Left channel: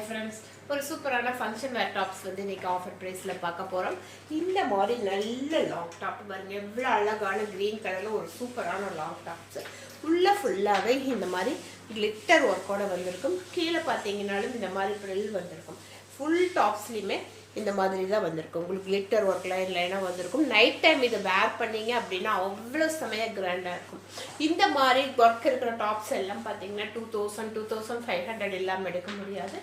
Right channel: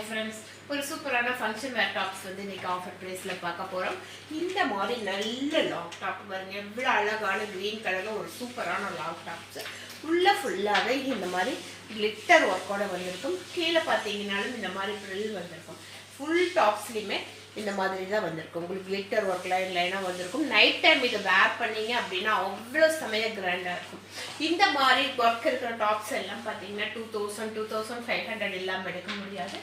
Hi friends, ஒரு சூப்பரான function வேர் tops வந்து இன்னைக்கு ஆஃபர் ப்ரைஸில் பார்க்க போகிறோம். இந்த மாதிரி நல்ல லாங் டாப் பாருங்க, எவ்வளோ அழகான க்ரீன் கலரில் ஒரு சூப்பரான லாங் டாப்ஸ். ஃபுல்லாகவே இந்த மாதிரி கிளிட்டர் ஒர்க்கோட வந்திருக்கும். கீழே பார்த்தீங்கன்னாலும் இந்த மாதிரி ப்ரில் வந்திருக்கும். ஃபுல் டாப்ஸ்லையுமே இந்த மாதிரி தான் வந்திருக்கும். உங்களுக்கு கிளிட்டர் ஒர்க் லைனாக வந்திருக்கும். நைட் டைம் இதை வேர் பண்ணீங்க அப்படின்னா அவ்வளோ செமையாக கிராண்டாக இருக்கும். இந்த மாதிரி ஒர்க் இருக்கிற டாப்ஸ் எல்லாம் பார்த்தீங்கன்னா 2500 இல்லாமல் எடுக்க முடியாது.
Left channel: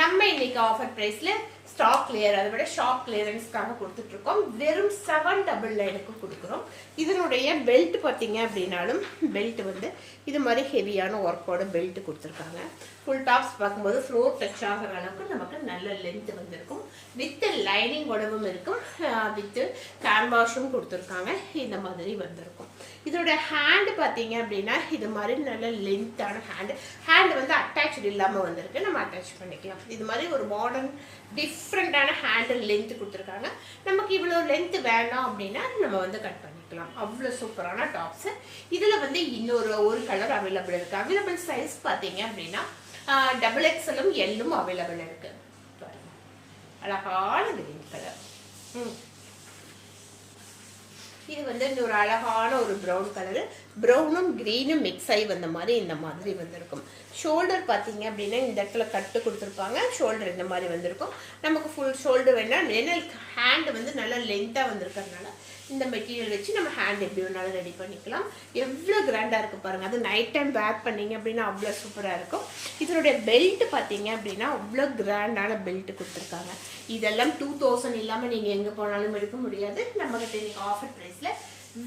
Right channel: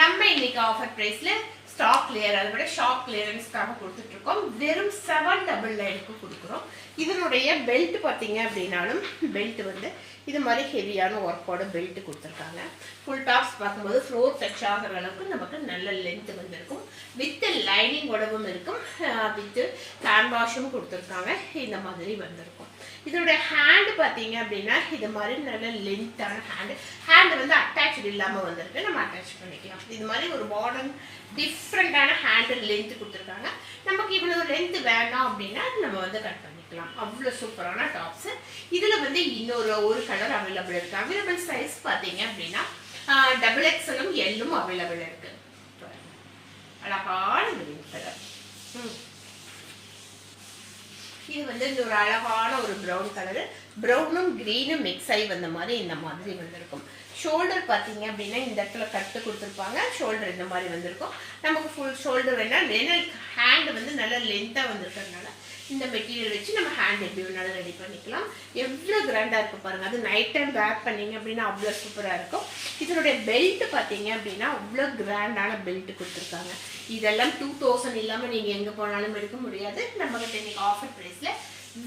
நம்ம இன்னைக்கு ஆஃபர் ப்ரைஸில் ஸ்டாக் கிளியர், அதை விட ஷாப் கிளியரன்ஸ்க்காக கொடுத்துட்ருக்கோம். வெறும் 799 கொடுக்குறோம். இதனுடைய பெல்ட் பார்த்தீங்க அப்படின்னாலும் பெல்ட் வந்து இது மாதிரி ஹெவியான ஒர்க்கோட பெல்ட் கொடுத்துருக்காங்க. ஃபுல் டாப்ஸ் பார்க்கும்போது ஃப்ளோர் டச் ஆகிற அளவுக்கு நமக்கு நல்ல லென்த் வந்திருக்கும். வித் லைனிங்கோடவும் இருக்கும், வித் கேன்வாஷும் கொடுத்துருக்காங்க. இந்த மாதிரி வந்திருக்கும். இதோட ஹேண்டு பார்த்தீங்க அப்படின்னா இது மாதிரி நல்ல லென்த்தான ஹேண்டு வந்து அட்டாச்சு இல்லாமல் வந்திருக்கு. நம்ம அட்டாச் பண்ணிக்கலாம். இது மாதிரி ஒரு மாடர்ன் டிஃப்ரெண்டான ஹேண்டில் லென்த் கொடுத்துருக்காங்க. நமக்கு இவ்வளோ லென்த் வேண்டாம் அப்படின்னா நம்ம வந்து கட் பண்ணிக்கலாம். அவ்வளோ சூப்பரான டாப்ஸ். இதில் வந்து ஒரு கலர் அவைலபிள் இருக்கு. அவைலபிள் சைஸ் பார்த்தீங்க அப்படின்னா XXL எல்லும் அவைலபிள் இருக்கு. அழகான கிரீன் கலர். இது வந்து இந்த ஒரு அழகான ஒரு ப்ரௌன் கலரு, ப்ரௌனும் கிரீனும் மிக்ஸ் ஆகி வந்த மாதிரி இந்த மாதிரி வந்திருக்கும். ஷோல்டர் பார்த்தீங்க அப்படின்னா இந்த இடத்துல கட்டு கொடுத்துருப்பாங்க. ஷோல்டர் இந்த மாதிரி வந்திருக்கும். நமக்கு ஃபுல் ஷோல்டர் வேணால் ஹேண்டு வந்து நல்லா லென்த்தாக வந்திருக்கிறதுனால இந்த மெட்டீரியல் வச்சு நம்ம ஹேண்ட் எப்படி வேணாலும் ரெடி பண்ணிக்கலாம். எவ்வளோ கிராண்டாக இருக்குது பாருங்கள். அது நைட் டைம் வேர் பண்ணிங்க அப்படின்னா அவ்வளோ சூப்பராக இருக்கும். இதனுடைய பெல்ட் பார்த்தீங்க அப்படின்னா அவ்வளோ கிராண்டான பெல்ட் கொடுத்துருக்காங்க. இதெல்லாம் 2000 இல்லாமல் நீங்கள் எங்கே போனாலும் எடுக்க முடியாது. நம்மகிட்ட இன்னைக்கு ஆஃபர் ப்ரைஸில்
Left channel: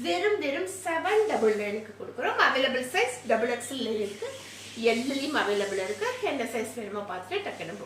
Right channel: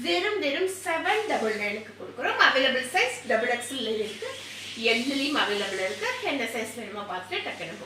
வெறும் 799 கொடுக்குறோம். அவைலபிள் சைஸ் XXL இருக்குது, எல்லையும் அவைலபிள் இருக்குது. என்ன சைஸ் வேணுமோ பார்த்துட்டு டக்குன்னு